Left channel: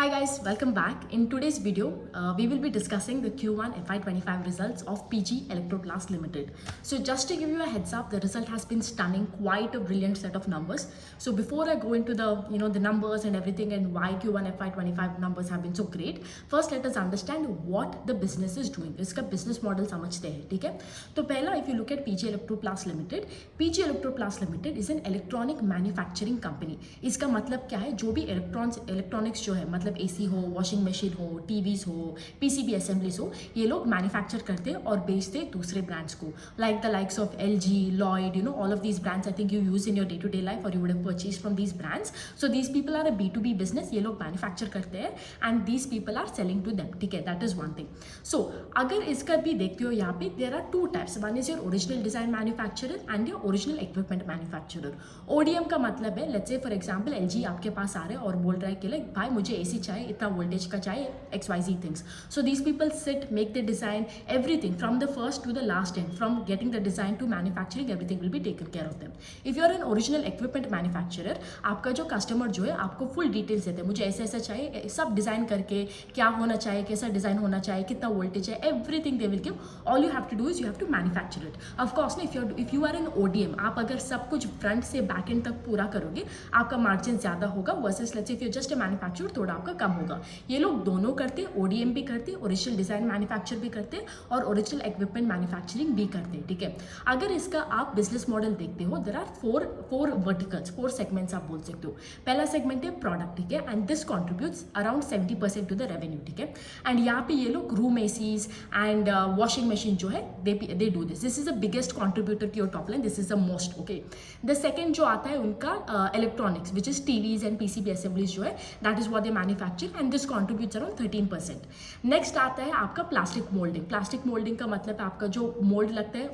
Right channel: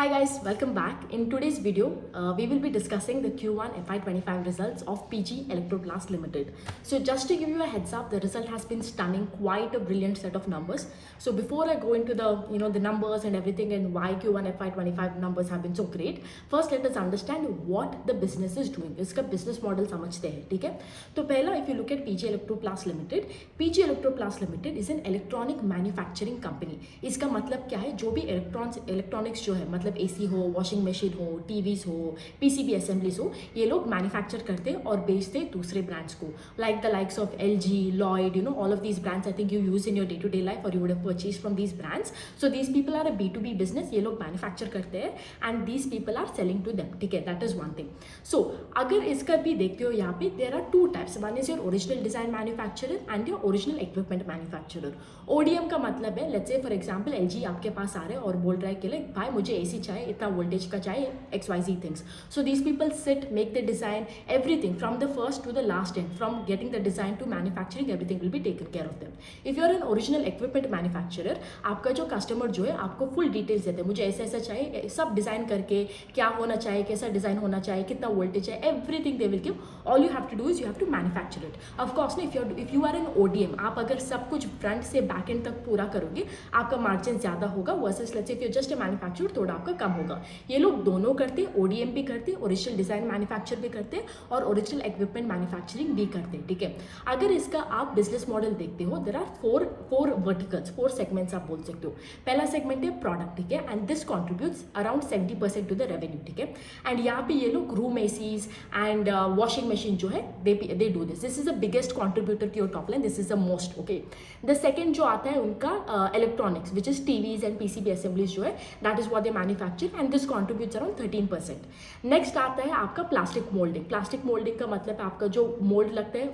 Hi guys, welcome back. In today's video, we will be discussing the Q1 FY25 results of PG Electroplast Limited. So just to give you a heads up, the result has been stunning, quite a brilliant set of numbers. So before I go into the numbers and everything and why Q1 FY25 numbers have been so great, first let us understand what the business is doing. इसका business model समझते हैं, ठीक है? तो पहला, if you look at PG Electroplast Limited, PG Electroplast Limited is an electronic manufacturing company. इसका मतलब क्या है? जो भी इलेक्ट्रॉनिक्स जो है, मतलब एसी हो, वॉशिंग मशीन हो, टीवीज हो, पीसीबी असेंबलीज हो, ये लोग मैन्युफैक्चर करते और बेचते दूसरे ब्रांड्स को, like the likes of LG, Lloyd, all of these brands I think you use in your day to day life or you would have purchased from these brands. So these people are a B2B business. ये लोग manufacture करते हैं and these people are selling to them. ठीक है, that is one thing. So अगर इसका भी देखते हो यहाँ पे there are two types. One is your original design manufacturer and your original equipment manufacturer. ODM का मतलब है, let's say for example LG आपके पास आ रहे हैं और बोल रहा है कि लाइक भाई मुझे एसी चाहिए, इतना वोल्टेज का चाहिए, XYZ things. So these people sit, make the design, everything from the first to the last end, from getting the design to manufacturing, everything will be taken care of them. If you are an original equipment manufacturer, आपका जो customer जो है आपको full details देते हैं, मुझे ऐसा ऐसा चाहिए, सब डिजाइन करके क्या होना चाहिए, कैसा डिजाइन होना चाहिए, कितना वोल्टेज है, everything they will give. All you have to do is you have to manufacture it. Of course if you are an ODM, आप अगर सब कुछ फ्रंट से बैक एंड तक पूरा करोगे, आपका मार्जिन ज्यादा होगा versus let's say if you just a manufacturer, थोड़ा आपका कम होगा. ये लोग दोनों करते हैं, ODM भी करते हैं, ओरिजिनल डिजाइन मैन्युफैक्चर भी करते हैं और ओरिजिनल इक्विपमेंट मैन्युफैक्चरिंग भी करते हैं. ठीक है, अगर इसका आप बिजनेस मॉडल देखते हो, there are four verticals, 4 segments आप बोल सकते हो. पहला सेगमेंट है प्रोडक्ट, ठीक है, and this contributes around 70% to the revenue. ठीक है, एंड यहाँ पे ये लोग room ACs and washing machine जो है they do this is the biggest contributor to your top line. This is the most. Okay, the second जो आता है उनका electronics which is TVs and PCB assemblies जो है, that is what they manufacture and this contributes around 13%. Next आता है आपका plastic moulding. Plastic moulding का मतलब आपका जो मोल्ड लगता है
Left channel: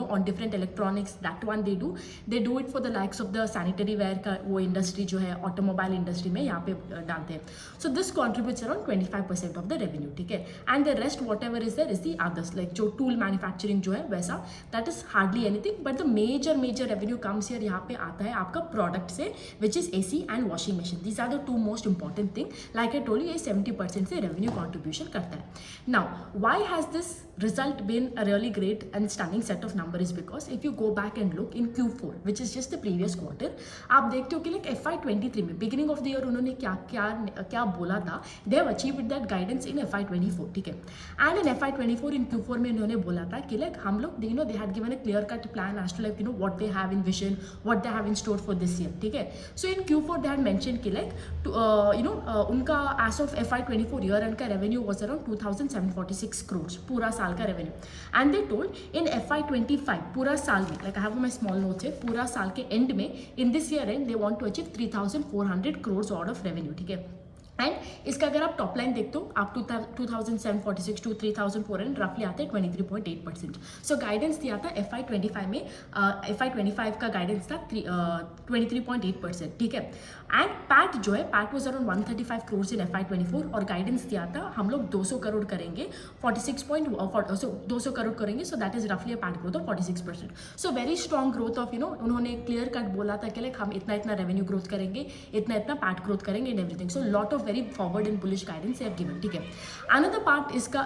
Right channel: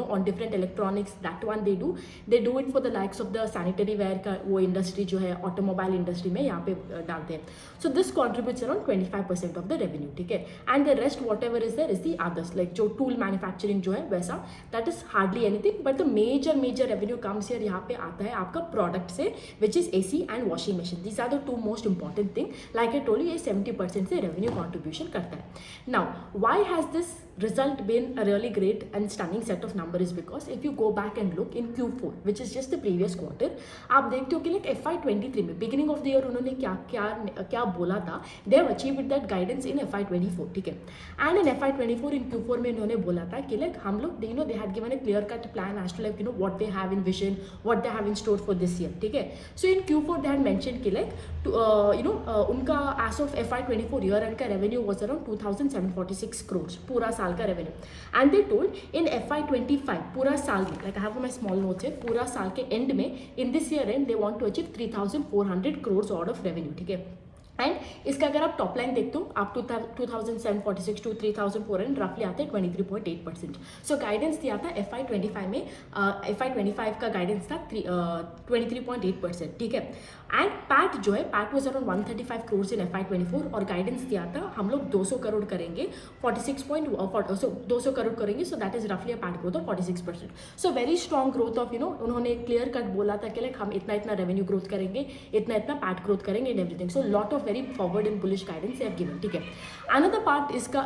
on different electronics, that one they do it for the likes of the sanitary ware का वो इंडस्ट्री जो है, ऑटोमोबाइल इंडस्ट्री में यहाँ पे डालते हैं. So this contributes around 25% of the revenue. ठीक है, and the rest whatever is there is the others, like जो टूल मैन्युफैक्चरिंग जो है वैसा, that is hardly anything, but the major revenue comes here. यहाँ पे आता है आपका प्रोडक्ट से, which is AC and washing machine. These are the 2 most important thing. Like I told you, ये 70% से रेवेन्यू कॉन्ट्रीब्यूशन करता है. Now why has this result been a really great and stunning set of number is because if you go back and look in Q4 which is just the previous quarter, आप देखते हो कि like FY23 में beginning of the year उन्होंने क्या बोला था, they have achieved that guidance in FY24. ठीक है, and in FY24 in Q4 में उन्होंने बोला था कि like हम लोग they had given a clear cut plan as to like what they have in vision, what they have in store for this year. ठीक है, so in Q4 they had mentioned कि like उनका as of FY24 year end का revenue was around 2,746 crores पूरा साल का revenue. And they told in FY25 पूरा साल में, like I have my small notes है, पूरा साल के एंड में in this year end they want to achieve 3,400 crores order of revenue. ठीक है, एंड इसका अगर आप टॉप लाइन देखते हो, आप 2,746 टू 3,400 रफली आते हैं 23.8%. सो गाइडेंस दिया था FY25 में, FY25 का गाइडेंस था 23.8%. ठीक है, एंड पैट जो है, PAT was around 135 crores in FY24 और गाइडेंस दिया था हम लोग 200 करोड़ करेंगे, 200 करोड़ करेंगे. सो दैट इज रफली a PAT growth of 46%. So very strong growth of उन्होंने क्लियर कट बोला था कि लाइक हम इतना रेवेन्यू ग्रोथ करेंगे, इतना पैट ग्रोथ करेंगे and everything. So lot of very forward and bullish guidance they have given. ठीक है, another part इसका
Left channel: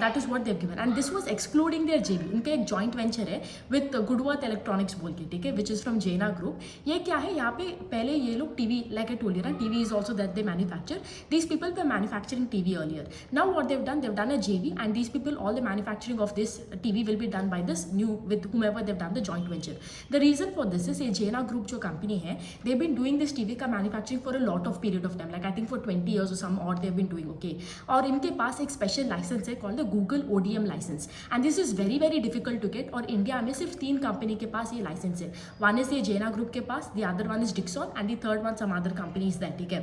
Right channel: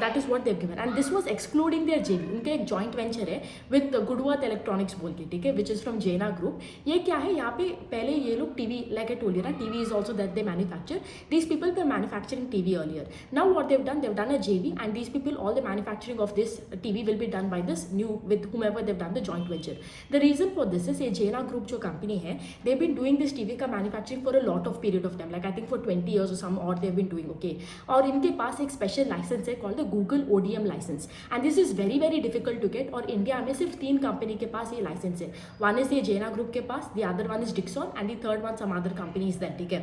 that is what they have given and this was excluding their JV. उनका एक joint venture है with Goodworth Electronics बोल के, ठीक है, which is from Jena Group. ये क्या है, यहाँ पे पहले ये लोग TV, like I told you ना, TV is also that they manufacture. These people were manufacturing TV earlier. Now what they've done a JV and these people, all the manufacturing of this TV will be done by this new, with whomever they've done the joint venture. The reason for this is ये Jena Group जो company है, they've been doing this TV का manufacturing for a lot of period of time, like I think for 20 years or some odd they've been doing. Okay, और इनके पास एक special licence है called the Google ODM license and this is very difficult to get और India में सिर्फ 3 company के पास ये licence है. वन इज ये जेना ग्रुप के पास, the other one is Dixon and the third one some other company is that. ठीक है,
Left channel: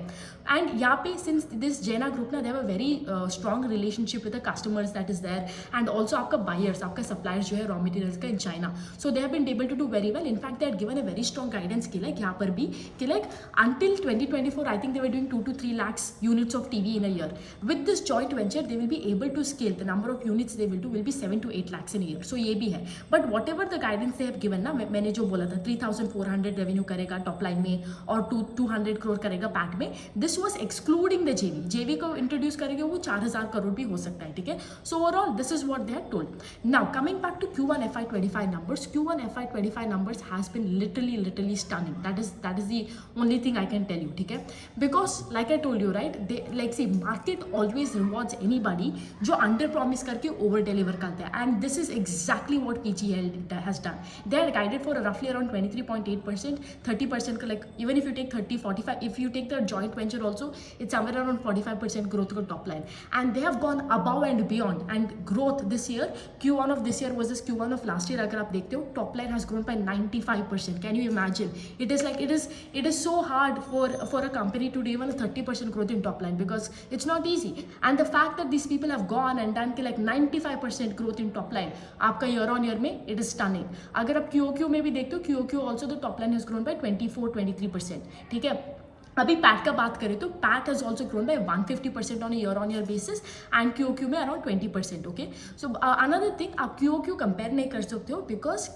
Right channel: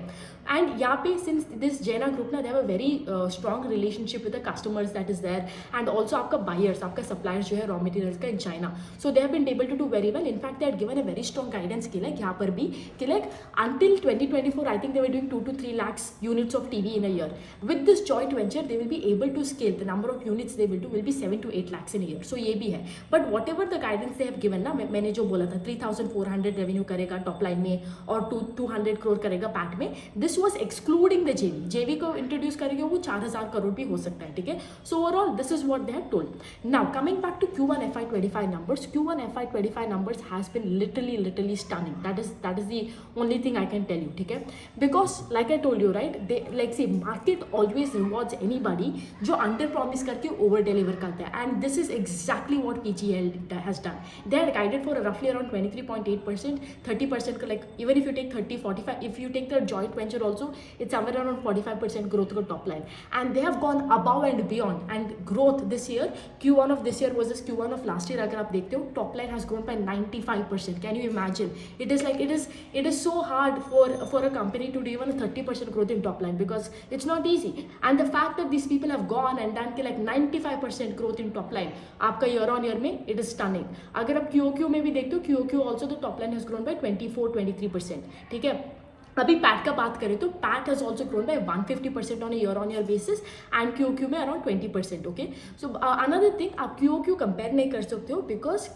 एंड यहाँ पे सिंस दिस जेना ग्रुप ना, they have a very strong relationship with the customers that is there and also आपका buyers, आपका suppliers जो है रॉ मटेरियल्स का in China. So they have been able to do very well. In fact they had given a very strong guidance कि like यहाँ पर भी कि like until 2024 I think they were doing 2 to 3 lakh lakhs units of TV in a year. With this joint venture, they will be able to scale the number of units they will do will be 7 to 8 lakhs in a year. So ये भी है. But whatever the guidance they have given ना, मैंने जो बोला था 3,400 revenue करेगा top line में और 200 करोड़ करेगा पैट में, दिस वॉज एक्सक्लूडिंग द जेवी. जेवी को इंट्रोड्यूस करेंगे वो 4,000 करोड़ भी हो सकता है. ठीक है. So overall this is what they had told. Now coming back to Q1 FY25 numbers. Q1 FY25 numbers has been literally stunning. That is the only thing I can tell you. ठीक है. Because like I told you, right, they like say market always rewards anybody जो under promise करके over deliver करता है, and this is exactly what PGL has done. They had guided for roughly around 23.8%, 30% का, like even if you take 30, 45, if you take the joint venture also, it's somewhere around 45% growth का top line, and they have gone above and beyond. And growth this year, Q1 of this year versus Q1 of last year, अगर आप देखते हो, top line has grown by 95%. Can you imagine? It is like it is so hard for a company to do even a 30% growth in top line, because it's not easy. And the fact that these people have gone and done like 95% growth in top line आपका year on year में, it is stunning. अगर आप QOQ में भी देखते हो, QOQ also the top line has grown by 24-23%. ठीक है. अभी पैट का बात करें तो PAT has also grown by 150% on year basis and Q में around 20%. Okay. So another thing, आप क्यू कंपेयर नहीं कर सकते हो, because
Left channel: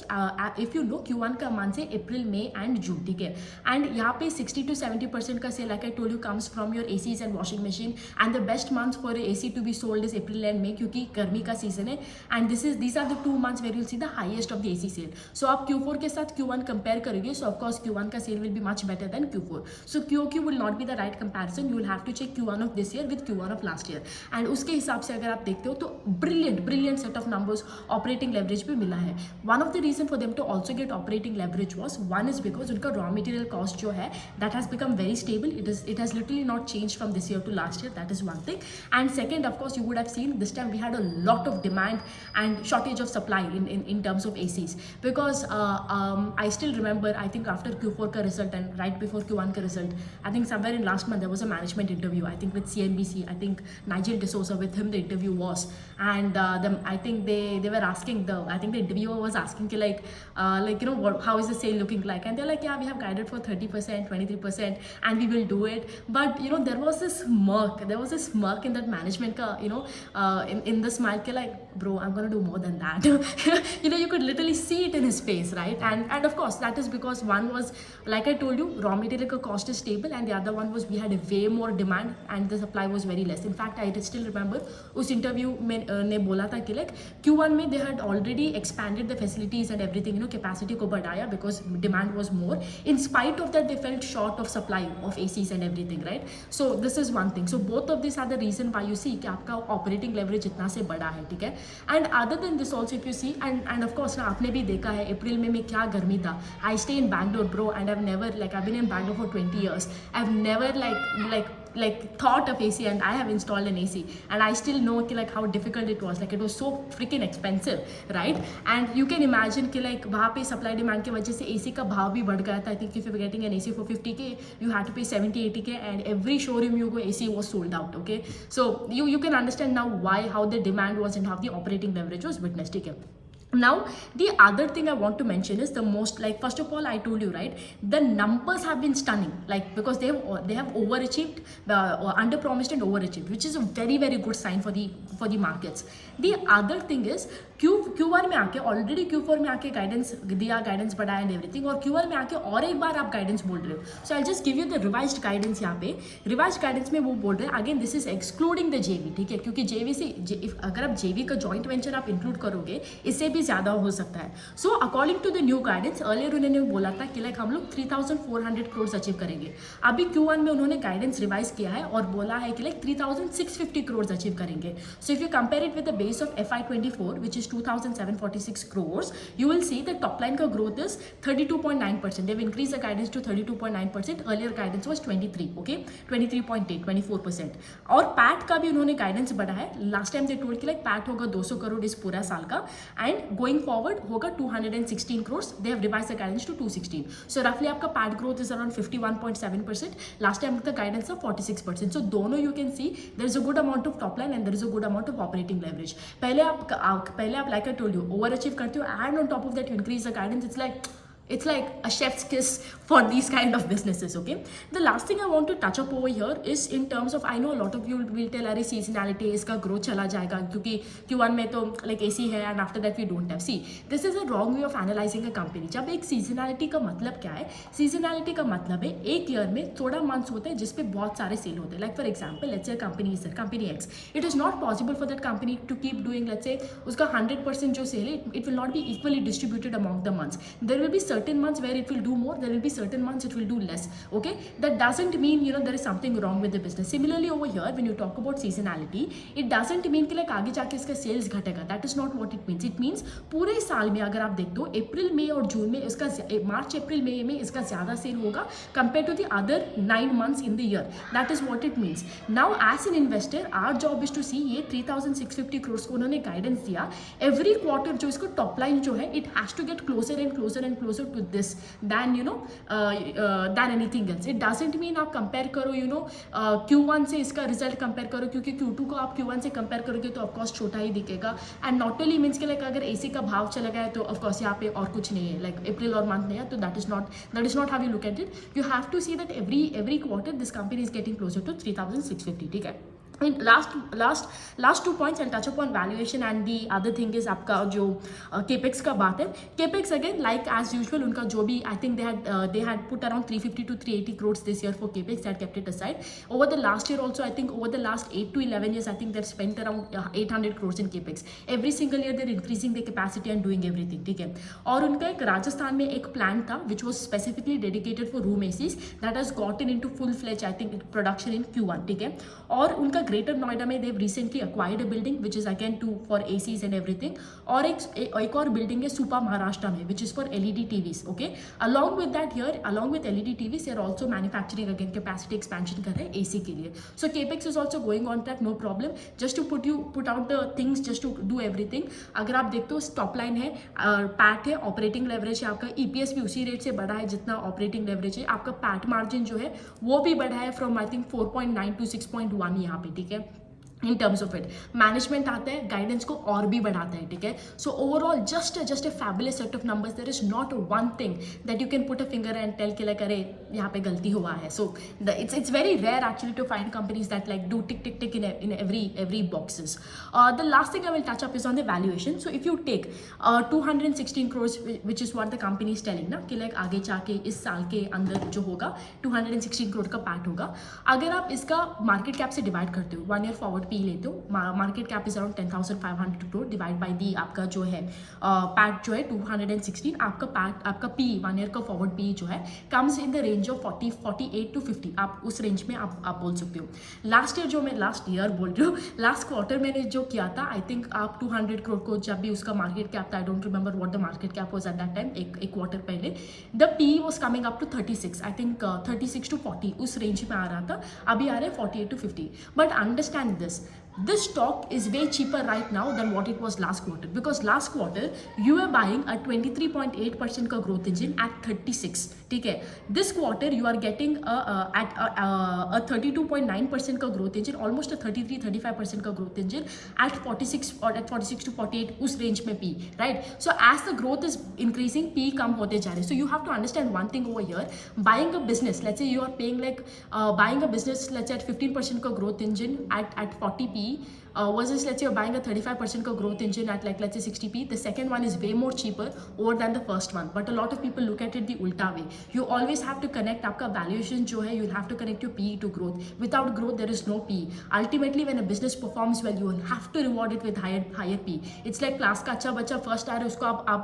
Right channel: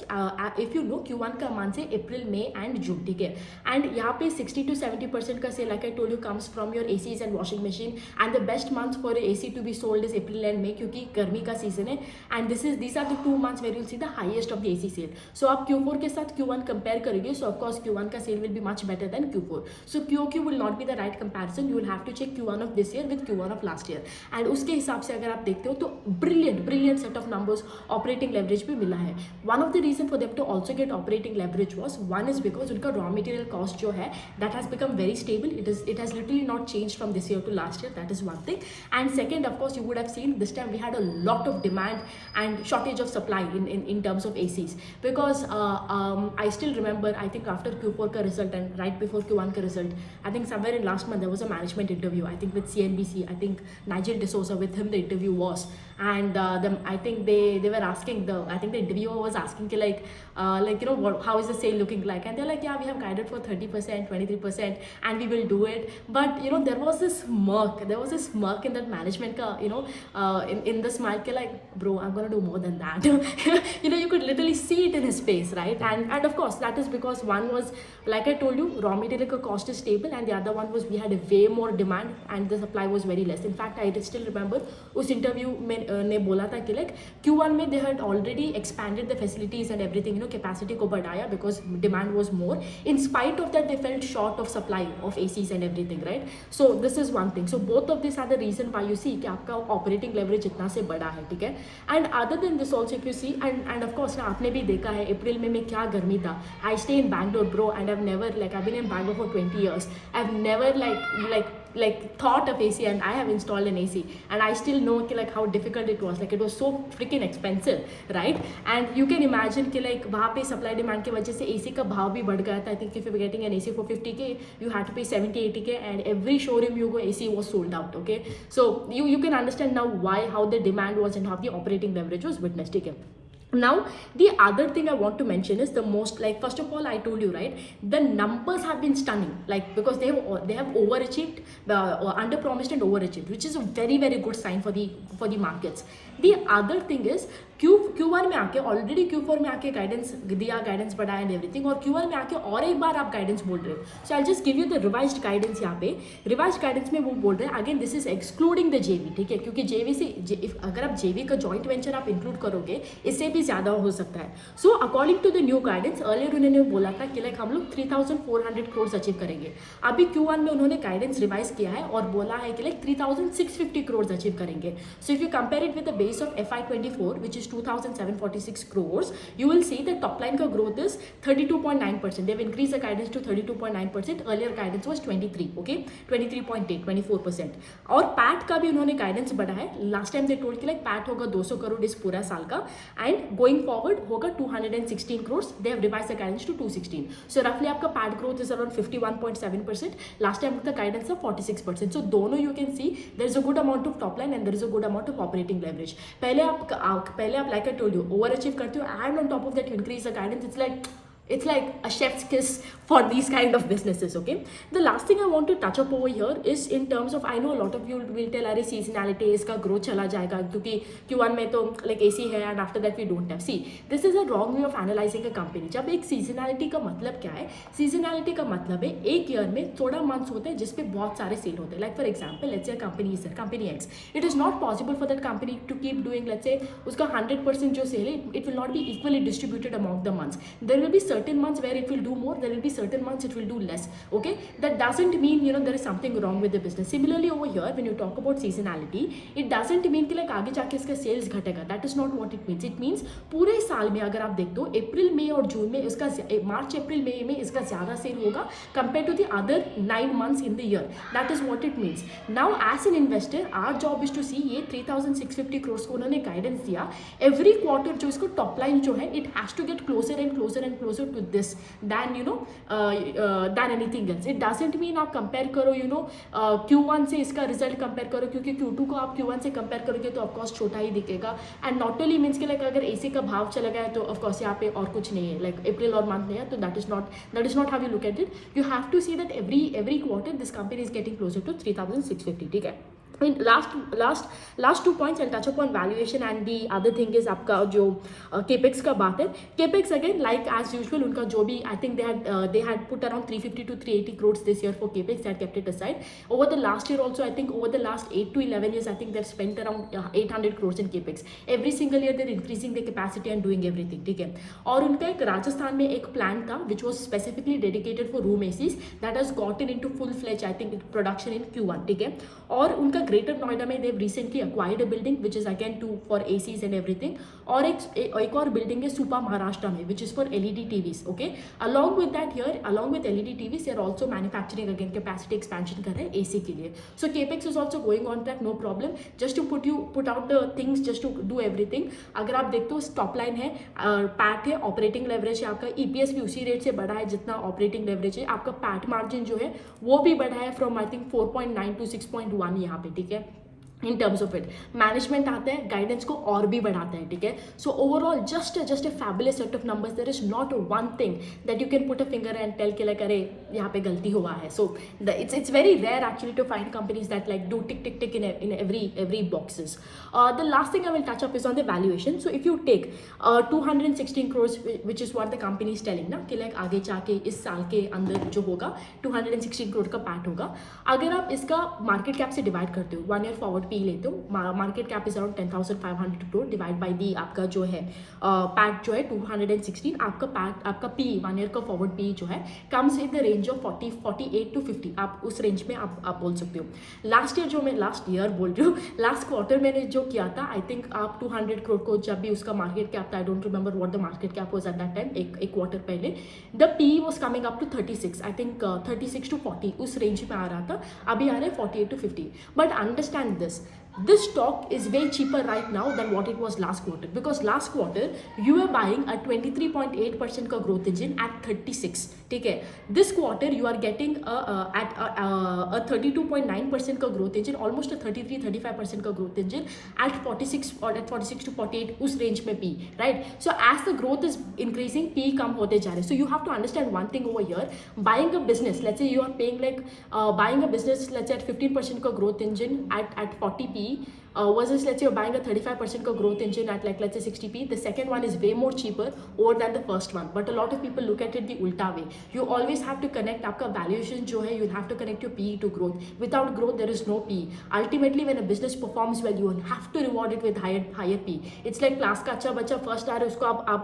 if you know Q1 का मंथ है अप्रैल, मई एंड जून. ठीक है. एंड यहाँ पे 60 to 70% का sale, like I told you, comes from your ACs and washing machine. And the best month for AC to be sold is April and May, क्योंकि गर्मी का सीजन है. And these are the 2 months where you'll see the highest of the AC sale. So आप Q4 के साथ Q1 compare करोगे, सो of course Q1 का sale will be much better than Q4. So QOQ will not be the right comparison. You will have to check Q1 of this year with Q1 of last year. And उसके हिसाब से अगर आप देखते हो तो brilliant set of numbers, operating leverage भी मिला है. One of the reason for them to also get operating leverage was, one is because उनका raw material cost जो है that has become very stable. It has literally not changed from this year to last year. That is one thing. And second, of course, you would have seen this time we had a lot of demand and shortage of supply in terms of ACs, because I still remember, I think after Q4 का result and right before Q1 का result, I think somewhere in last month there was a management interview, I think with CNBC. I think Nigel D'Souza, with him the interview was, and I think they were asking, I think the interviewer was asking like you know, how is the sale looking like, and they're like, yeah, we have guided for 30%, 23%, and we will do it. But you know, there was this smirk in that management ka, you know, in the smile ke, like, bro, I'm gonna do more than that. You know, you could literally see it in his face, right? And of course that is because one was, like I told you, raw material ka cost is stable, and the other one was we had a way more demand and the supply was very less. In fact, I still remember उस interview में ने बोला था कि like Q1 में they had already expanded the facilities and everything, you know, capacity को बढ़ाया because demand was more. In spite of that, they felt short of supply of ACs and everything, right? So this is one thing. So both of these are the reason why you see कि आपका operating leverage इतना से बड़ा है. ठीक है. And other than this also, if you see, and of course ना आपने भी देखा है अप्रैल में क्या गर्मी था. I stay in Bangalore, bro, and I've never, like, I've been in Bangalore for 20 years. I've never like thought of AC, and I have installed an AC, and I still know like how difficult it was. Like it was so freaking expensive, right? And you can imagine कि like वहाँ पे supply demand की वजह से AC का भाव भी बढ़ गया था. I think if you were getting an AC for 50K, you had to pay 70-80K, and every showroom you go, AC was sold out. Okay, so you can understand now how the demand was and how the operating leverage was witnessed. Okay. Now the other thing I want to mention is the most, like, first of all, I told you, right, the numbers have been stunning, like, because they have overachieved, under promised and overachieved, which is a very good sign for the markets. The other thing is Q1 में आके already Q4 में आके guidance दिया, guidance बढ़ाया and everything, और Q1 में आके और एक बार आप गाइडेंस बोल रहे हो. So I just give you the revised guidance. यहाँ पे रिवाइज्ड गाइडेंस में वो बोल रहे हैं, again this is excluding the JV. ठीक है, क्योंकि जेवी से अगर आप जेवी का जॉइंट वेंचर आप इंक्लूड करोगे, इससे भी ज़्यादा हो सकता है. So according to the new guidance, earlier उन्होंने बोला था कि लाइक हम लोग 3,400 करोड़ अचीव करेंगे. अभी Q1 में उन्होंने गाइडेंस रिवाइज किया है और बोला है कि लाइक 3,650 करोड़ अचीव करेंगे. So if you compare it with the base of FY24, which is 2,746 crores, you will see the top line का growth is 32.9%. They've increased the guidance to 32.9%. Earlier guidance was 23, okay, 23.8, 24%. और PAT का भी उन्होंने guidance बढ़ा है. Last time they told कि like PAT होगा 200 करोड़ इस पूरा साल का, एंड गोइंग फॉरवर्ड होगा 216 crores. They have revised the guidance to 216. So roughly आपका PAT growth is around 51.7%. Last time का गाइडेंस था 46%. So दोनों you can see there is a good amount of top line and there is a good amount of operating leverage. पहले आप like I told you, overachieve करते हो, and on top of that you increase the guidance. It's like it's like a chef's kiss for these kind of businesses. Okay, the last thing I want to touch up over here is in terms of, I know a lot of you will tell अरे seasonality इसका growth चला जाएगा क्योंकि Q1 में तो like AC है and after that we don't have. See, this is a wrong way of analyzing a company. जब एक seasonality का मतलब क्या है? Seasonality का मतलब है एक year में थोड़ा months होते हैं जिसपे बहुत सारे sale होते हैं. Like for example, let's say a company is there, company X. It is not possible for that company to keep doing, let's say उसका 100% जो sale है, it will not be equally distributed among the months. There will be certain months where it will do more, there will be certain months it will do less. Okay, that doesn't mean there is something wrong with the business. Similarly over here, when you talk about seasonality, it doesn't mean कि like आगे जाके इसका sales घटेगा. That is not what it means. It means पूरे साल में अगर आप देख दो अप्रैल मई और जून में इसका मार्च अप्रैल मई में इसका ज़्यादा सेल होगा compared to the other 9 months in the year. That is what it means. Now as an investor, our job is to see ये 3650 crores को उन्होंने guidance दिया. Every quarter जो इसको top line जो है, it has to get closer and closer and closer to this than than anything else. It doesn't mean आप compare करो Q1 से इसका result compare करो, क्योंकि Q2 को आप Q1 से compare करोगे तो of course छोटा ही दिखेगा. And not only means कि like अगर AC का भाव चला गया तो of course यहाँ पे और कुछ नहीं है, like अप्रैल और मंथ नहीं है, तो that is not how you look at it. You have to see that every quarter this company is getting closer to 3650. ठीक है. And last 2 points I'll touch upon valuation, and the other thing is आपका जो capex का बात है. Capex again like as usual उनका जो भी, I think they had put around 350 to 380 crores this year for capex. They had kept it aside. Over the last year also, I think over the last 8 to 11 years, I think they've spent around 800 crores in capex. Every single year they're increasing their capacity and doing everything. ठीक है. और उनका एक राजस्थान में एक plant था which was specifically dedicated for room ACs that has gotten into full-fledged, I think, production in Q1. ठीक है. और उनका ग्रेटर नोएडा में they've recently acquired a building which is again for ACs and everything. और एक और building है सुपा महाराष्ट्र में which is for LED TVs. Okay, along with that here, along with LED TVs, they are also manufacturing again capacity expansion कर रहे हैं AC के लिए. So capex is also going on track, no problem. Just to put out the things, just to do everything. अगर आप देखते हो top line है, पैट है, ऑपरेटिंग लेवरेज है, आपका EPS भी उसी रेट से बढ़ा है जितना ऑपरेटिंग लेवरेज है. आपका पैट मार्जिन जो है वो भी बढ़ा है फ्रॉम आई थिंक 4.9 to 6.1 यहाँ पे. ठीक है. In terms of it management आता है, गाइडेंस को और भी बढ़ाता है. ठीक है. So overall just a fabulous set of numbers. There is not one thing that you can put a finger and tell के लाइक अरे यहाँ पे गलती हुआ है. सो it's very rare actually to find companies that like do tick tick tick in every boxes. The last thing I will touch up is on the valuation. So if you take 216 crores which is what the company is telling ना कि like आगे जाके इस साल के अंदर जो होगा 216 करोड़ का पैट होगा. अगर आप इसका मार्केट कैप से डिवाइड करते हो, 1 year फॉरवर्ड पी लेते हो, market cap is around 10,500 crore divide by the आपका जो है पैट जो है 216. आपका पी 1 year का फॉरवर्ड पी जो है comes in the range of 48 to 50. आप उस रेंज में आप बोल सकते हो. लास्ट ईयर बोल रही हूँ, लास्ट क्वार्टर मैंने जो किया था, आई थिंक आप 200 करोड़ को जब भी उसका मार्केट कैप था, I don't remember what the market cap was at that time, एक क्वार्टर पहले, the P was coming up to 36, I think 36 to 40 उस रेंज में आ रहा था. अभी आ रहे 48 to 50. But understand this stock is way cheaper right now than what it was last quarter, because last quarter you were buying a 23.8% का growth engine at 36. ठीक है. This quarter you are getting at a 32.9% का growth engine, almost a 33-35% का growth engine at 46 or at 46 to 48 उस range में P, right? So as the growth is increasing, P कम होते जा रहे. So you have to understand one thing over here. Buying a business, let's say you are paying like buying a business, let's say at 15% का growth engine at 40p versus let's say you're buying a 35% का growth engine at like let's say 60p. The second one is way more cheaper over than the first one, but a lot of people look at it the ulta way. You always have to connect आपका valuation जो है, you'll have to connect your PE to growth. Without growth there is no PE. Ultimately when a business performs well, you will have to reward it with higher PE. It's like class का अच्छा बच्चा first आ रहा है,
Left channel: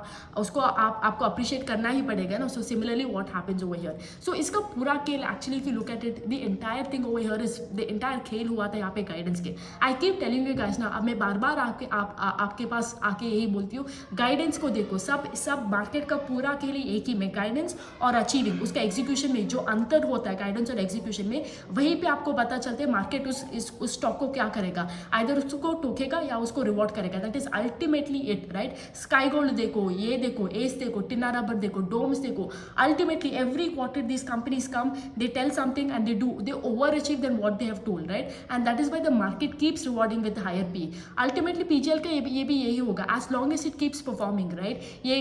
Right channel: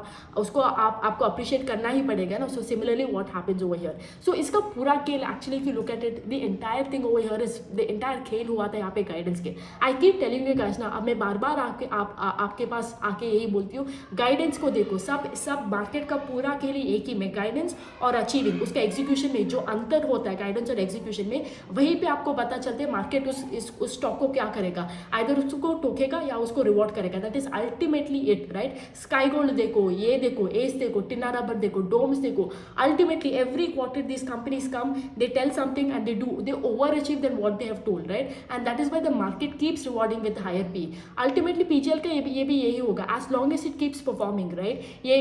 उसको आपको appreciate करना ही पड़ेगा ना. So similarly what happens over here. So इसका पूरा खेल actually if you look at it, the entire thing over here is the entire खेल हुआ था यहाँ पे गाइडेंस के. I keep telling you guys ना, अब मैं बार आपके पास आके यही बोलती हूँ, गाइडेंस को देखो. सब मार्केट का पूरा खेल एक ही में, गाइडेंस और अचीविंग, उसका एग्जीक्यूशन में जो अंतर होता है गाइडेंस और एग्जीक्यूशन में, वहीं पे आपको पता चलता है मार्केट उस स्टॉक को क्या करेगा. आइदर उसको टोकेगा या उसको रिवॉर्ड करेगा. That is ultimately it, right? Sky gold देखो, ये देखो, एस देखो, टिना रबर देखो, डोम्स देखो. Ultimately every quarter this companies come, they tell something and they over achieve than what they have told, right? And that is why the market keeps rewarding with higher P. Ultimately PGL का ये भी यही होगा as long as it keeps performing, right? ये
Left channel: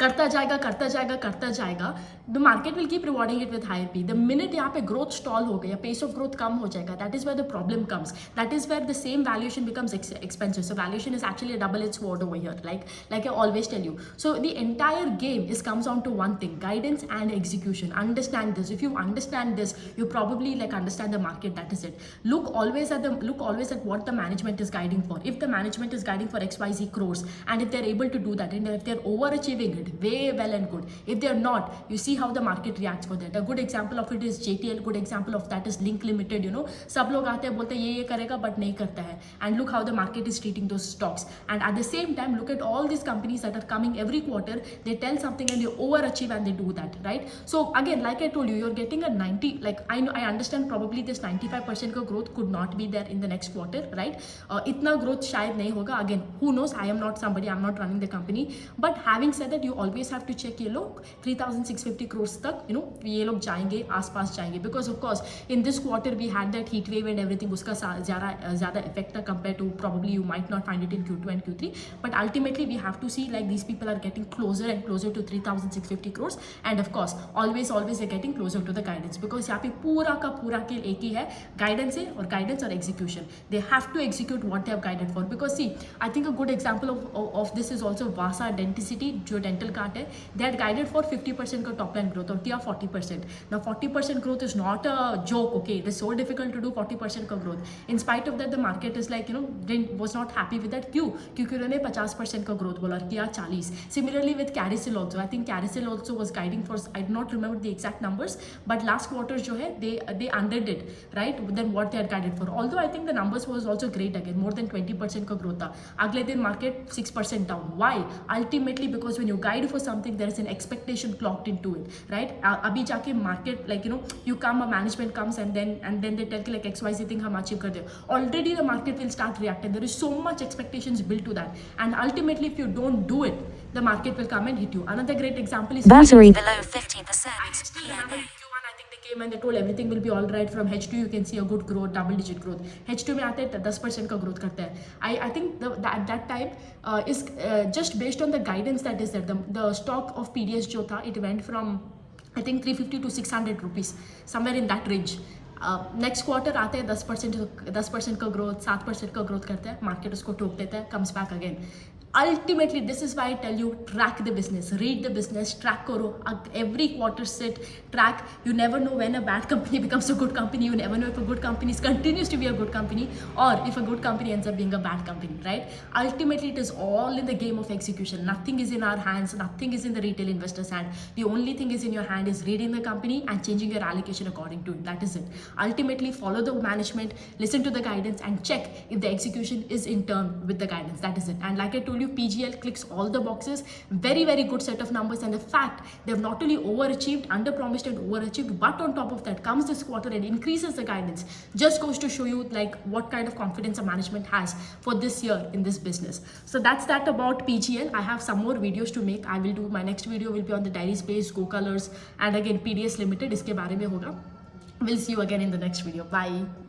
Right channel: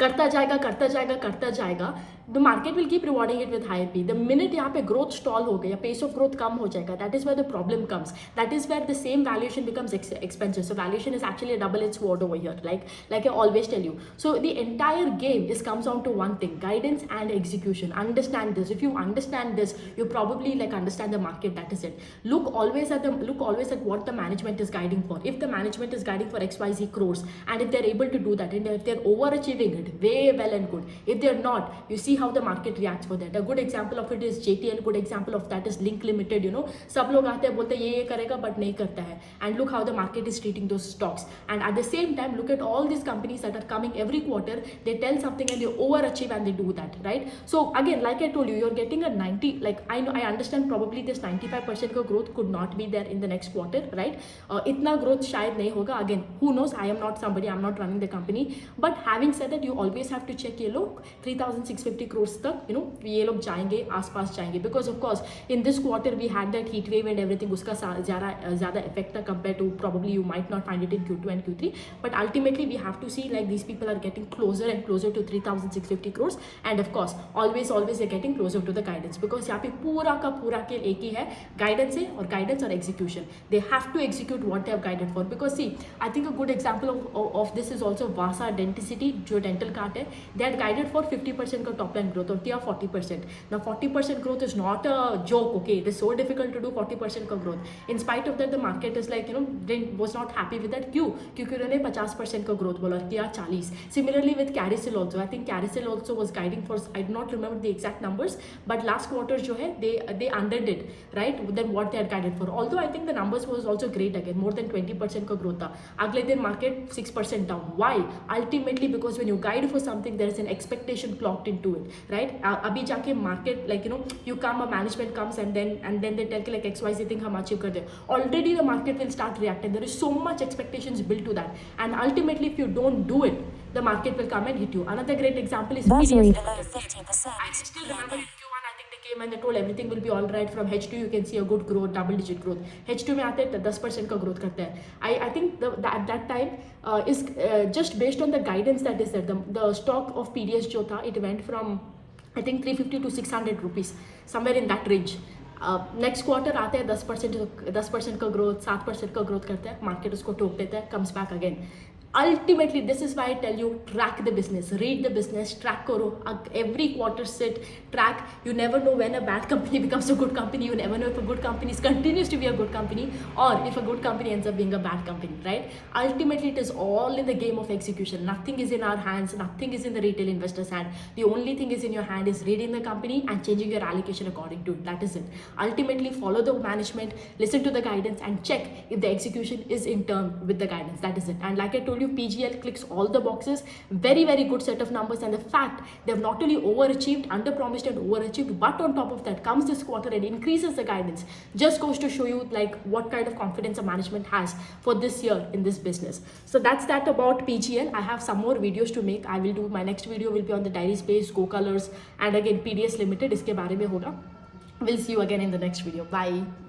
करता जाएगा, the market will keep rewarding it with higher P. The minute यहाँ पे ग्रोथ स्टॉल हो गया, पेस ऑफ ग्रोथ कम हो जाएगा, that is where the problem comes. That is where the same valuation becomes expensive. So valuation is actually a double-edged sword over here, like I always tell you. So the entire game is comes down to one thing: guidance and execution. Understand this. If you understand this, you probably like understand the market. That is it. Look always at what the management is guiding for. If the management is guiding for XYZ crores, and if they're able to do that, and if they're overachieving it, way well and good. If they're not, you see how the market reacts for that. A good example of it is JTL. Good example of that is Link Limited. You know, सब लोग आते हैं बोलते हैं ये करेगा but नहीं करता है. And look how the market is treating those stocks. And at the same time, look at all these companies that are coming every quarter. They tell something and they overachieve and they do that, right? So again, like I told you, you're getting a 90. Like I know, I understand probably this 95% का growth could not be there in the next quarter, right? इतना growth शायद नहीं होगा. Again, who knows? I am not somebody. I'm not running the company. But having said that, you always have to check ये लोग 3,650 crores तक, you know, ये लोग जाएंगे, आसपास जाएंगे. Because of course, in this quarter we had that heat wave and everything. उसका ज़्यादा effect था compared to probably you might not find it in Q2 and Q3. But ultimately we have to see like these people are getting closer and closer to 3,650 crores. And of course, always they're getting closer to the guidance. Because यहाँ पे पूरा का पूरा खेल एक ही है, guidance है और guidance और execution. They have to execute what they have guided for. Because see, I think a good example of this is also Vasa Denticity, जो dental cart है. They had guided for 50% का top line growth और किया 40%. Now 40% growth is not a joke, okay? It is so difficult to do 40% का growth. In spite of that, the market is like, you know, was not happy with that. क्यों? क्योंकि उन्होंने 50% का growth बोला और किया 40. Similarly with Caricel also, I think Caricel also was guiding for, I do not remember the exact numbers, but last quarter जो है they underdid, right? Then what they had guided for. Although I think the numbers was also great again, more than 20% का growth था. अगले दिन market 6% down. Why? Ultimately because when you guide for something, there is an expectation clocked into it, right? अभी जाके market, like, you know, you come, a management comes and then they tell like XYZ thing हम achieve कर दे. Already the market will start reacting. There is so much expectations built to that, and ultimately if you don't do it, the market will come and hit you. Another great example is Battery TDS. below 50%. I still remember in Q1, I think they came and they told everything will be all right. From H2 you can see a good growth, double digit growth. H2 में आते हैं 10% का growth करते हैं. I think at that time is just based on the guidance that is there. The stock of PDS जो था, it went from I think 350 to 600 rupees, somewhere in that range. Next quarter आते हैं 10% का growth, 7% का growth करते हैं, market उसको ठोक देता है, comes back again. Ultimately, this is why I tell you, track the business, read the business, track karo. Every quarter sit, track. You never know when a bad company becomes a good company. You never know if a good company continues to be a good company, or if a good company ends up being a bad company, right? Ultimately, it is all in the game of execution. Nothing is in our hands. Nothing is in the retail investor's hand. The only thing is in your hand is reading the company and changing your allocation according to it. That is it. Ultimately, follow the management, listen to the guidance, and check if the execution is in turn with the guidance. That is it. And like I told you, PGL clicks all the boxes. Very, very good set of numbers. And the fact they have not only overachieved, underpromised and overachieved, but on top of that comes this quarter and increases the guidance, just goes to show you like what kind of confidence a management has for this year in this business. So that's that about PGL. I have some more videos to make. I will do, my next video will be on the dairy space, Go Colors, and again PDS Limited. इसके बारे में होगा. We'll see you again in the next video. Bye.